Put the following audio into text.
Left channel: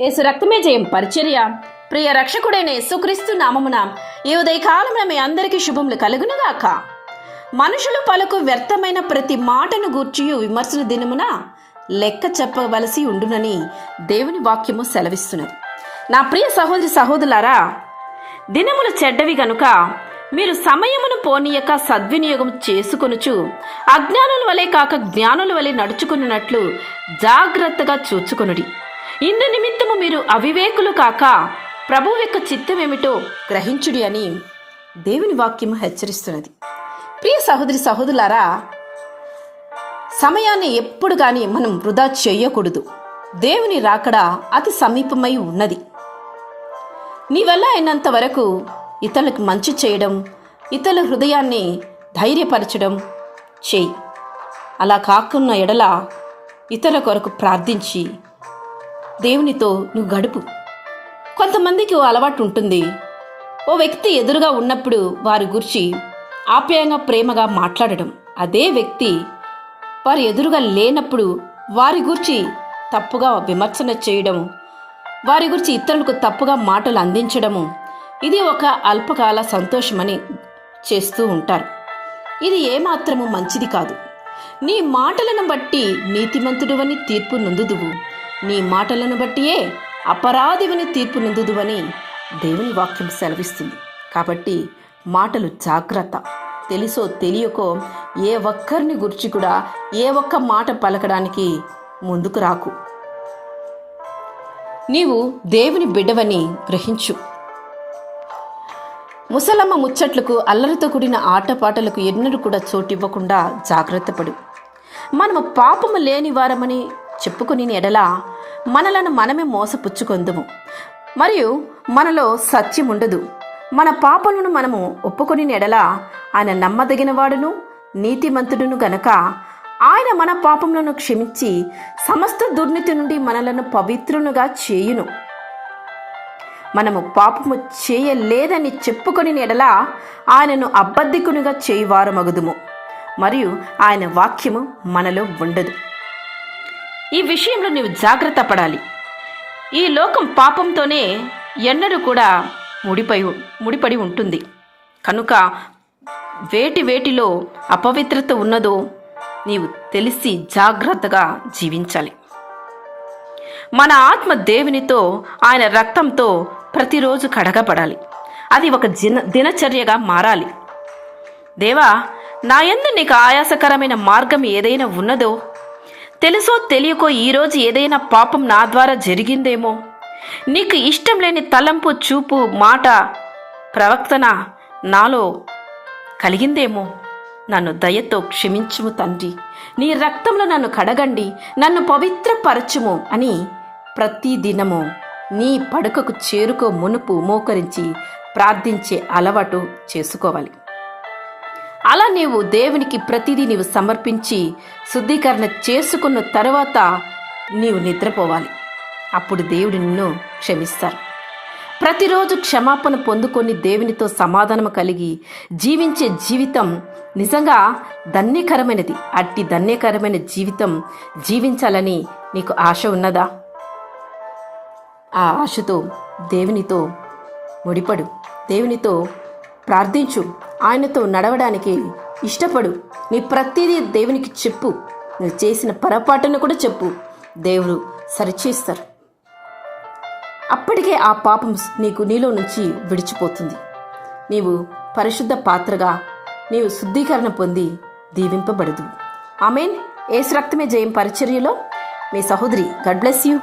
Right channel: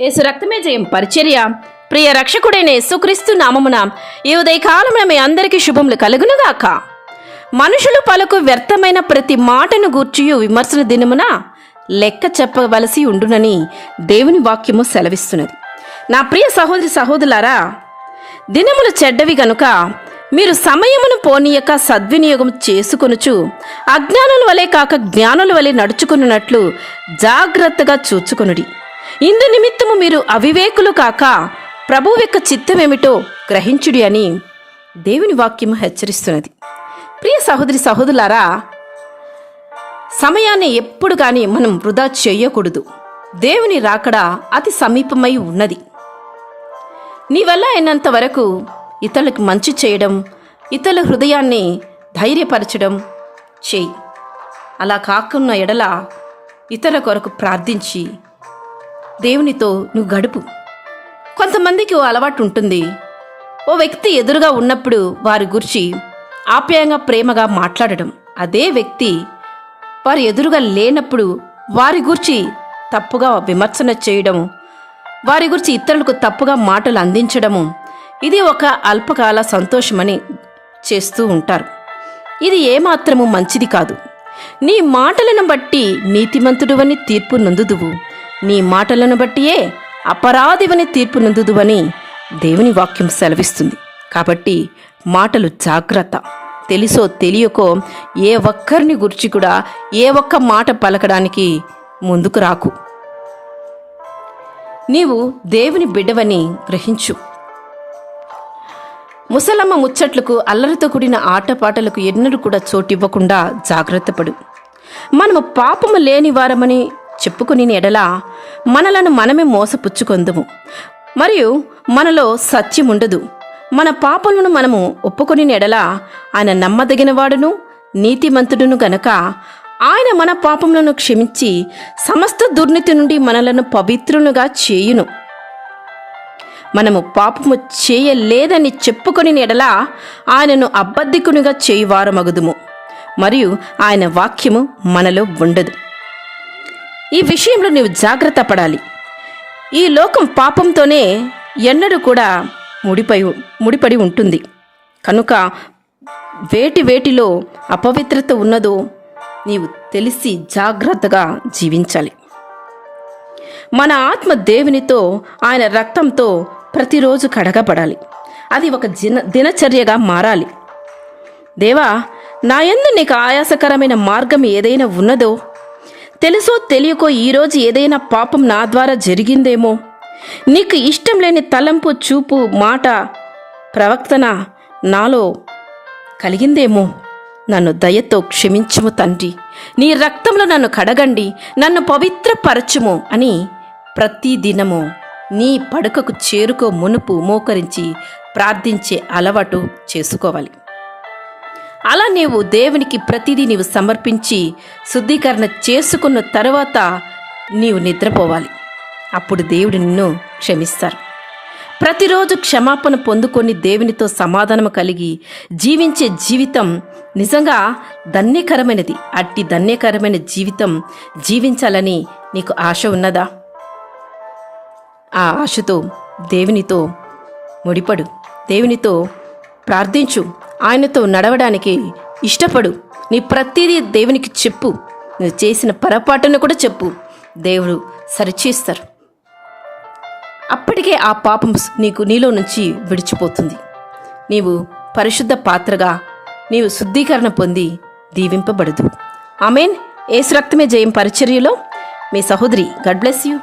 యేసు రక్తమే జయం పరిచర్య. ప్రియ రక్షకుడైన యేసుక్రీస్తు నామమున ఈ ఉదయకాలమున మీ అందరికీ శుభములు కలుగునుగాక. మనుషులు పలుకు వ్యర్థమైన ప్రతి మాటను గూర్చియు విమర్శల దినమున లెక్క చెప్పవలసి ఉండునని దేవుని వాక్యము సెలవిస్తున్నది. నా ప్రియ సహోదరి సహోదరులారా, దినములు చెడ్డవి గనుక మీరు సమయమును పోనీయక సద్వినియోగం చేసుకొనుచు అజ్ఞానుల వలె కాక జ్ఞానుల వలె నడుచుకున్నట్లు జాగ్రత్తగా చూచుకొనుడి. ఇందు నిమిత్తము మీరు అవివేకులు కాక ప్రభువు యొక్క చిత్తమేమిటో గ్రహించుడి అని దేవుని వాక్యము హెచ్చరిస్తున్నది. ప్రియ సహోదరి సహోదరులారా, సమయాన్ని ఎప్పుడు కానీ మనం వృధా చేయకూడదు. దేవుని రాకడ అతి సమీపమై ఉన్నది. నీ వల్ల అయినంత వరకు ఇతరులకు మంచి చేయడం, ఇతరుల హృదయాన్ని ధైర్యపరచడం చేయి. అలా కాకున్న ఎడల ఇతరుల కొరకు ప్రార్థించి దేవునితో నువ్వు గడుపు. కొంతమందికి ఓ అలవాటు ఉంటుంది. ఓ వ్యక్తి ఎదురుగా ఉన్నప్పుడు వారి గురించి ఆప్యాయంగా ప్రేమగా మాట్లాడడం, అదే వ్యక్తి వారి ఎదురుగా లేనప్పుడు వారి గురించి తప్పుగా విమర్శన చేయడం, వారి గురించి ఇతరులకు తప్పుగా మాటలు అందించడము, ఇది ఒక అల్పకాల సంతోషమని చేస్తూ ఉంటారు. ఇది ఏమాత్రము మంచిది కాదు. నీ మాటలను బట్టి నీతిమంతుడువని తీర్పు నొందుదువు, నీ మాటలను బట్టియే అపరాధివని తీర్పు నొందుదువని దేవుని వాక్యం సెలవిస్తుంది. కాబట్టి మాటలు జాగ్రత్త. తెలుసో తెలియకో ఏ ఒక్కరిని గురించి కూడా ఏ ఒక్క మాట పలకడానికి ముందుకు రాకు. నీవు దేవుని బిడ్డవని గ్రహించు. ముసలమ్మ ముచ్చట్లకు అల్లరితో కూడిన ఆటపాటలకు ఎన్నడూ కూడా చోటివ్వకుండా జాగ్రత్త పడు. మనము పాపము లేని వారమని చెప్పుకుని ఎడల మనలను మనమే మోసపుచ్చుకొందుము, మరియు మనలో సత్యం ఉండదు. మన పాపలను మనము ఒప్పుకొని ఎడల ఆయన నమ్మదగిన వాడును నీతిమంతుడును గనక ఆయన మన పాపములను క్షమించి సమస్త దుర్నీతి నుండి మనలను పవిత్రులుగా చేయును. మనము పాపము చేయలేదని చెప్పుకొని ఎడల ఆయనను అబద్ధికునిగా చేయువారమగుదుము, మరియు ఆయన వాక్యము మనలో ఉండదు. ఈ విషయంలో నీవు జాగ్రత్త పడాలి. ఈ లోకం పాపంతోనే ఎన్నడూ కూడా ముడిపడి ఉంటుంది కనుక వేటిలో అపవిత్రత ఉన్నదో నీవు తెలిసి జాగ్రత్తగా జీవించాలి. మన ఆత్మ దేవునితో ఆయన రక్తంతో ప్రతిరోజు కడగబడాలి. అది ఒక దినచర్యగా మారాలి. దేవా, నా యందు నీకు ఆయాసకరమైన మార్గం ఏదైనా ఉన్నదో, తెలుసో తెలియకో ఈరోజు ఏదైనా పాపం నా ద్వారా జరిగిందేమో, నీకు ఇష్టం లేని తలంపు, చూపు, మాట, ప్రవర్తన నాలో కలిగిందేమో, నన్ను దయతో క్షమించుము తండ్రి, నీ రక్తంలో నన్ను కడగండి, నన్ను పవిత్రపరచుము అని ప్రతిదినము నీ పడకకు చేరుకో మునుపు మోకరించి ప్రార్థించే అలవాటు చేసుకోవాలి. అలా నీవు దేవునికి ప్రతిదీ నీవు సమర్పించి శుద్ధీకరణ చేసుకున్న తర్వాత నీవు నిద్రపోవాలి. అప్పుడు దేవుడు నిన్ను క్షమిస్తారు. ప్రతిరోజు క్షమాపణ పొందుకొని దేవునితో సమాధానం కలిగి జీవించే జీవితం నిజంగా ధన్యకరమైనది. అట్టి ధన్యకరమైన జీవితం జీవించాలని నీకు ఆశ ఉన్నదా? ఆ ఆశతో దేవునితో ముడిపడు, దేవునితో ప్రార్థించు, ఆయనతో నడవడానికి ఇష్టపడు. నీ ప్రతిదీ దేవునికి చెప్పు. నువ్వు చేసిన పొరపాటును కూడా చెప్పు, దేవుడు సరిచేస్తారు. అప్పటికే ఆ పాపం నీలో నుంచి విడిచిపోతుంది. నీవు పరిశుద్ధ పాత్రగా నీవు శుద్ధీకరణ పొంది దీవింపబడదు. ఆమేన్. యేసు రక్తమే జయం పరిచర్యలో మీ సహోదరి. God bless you.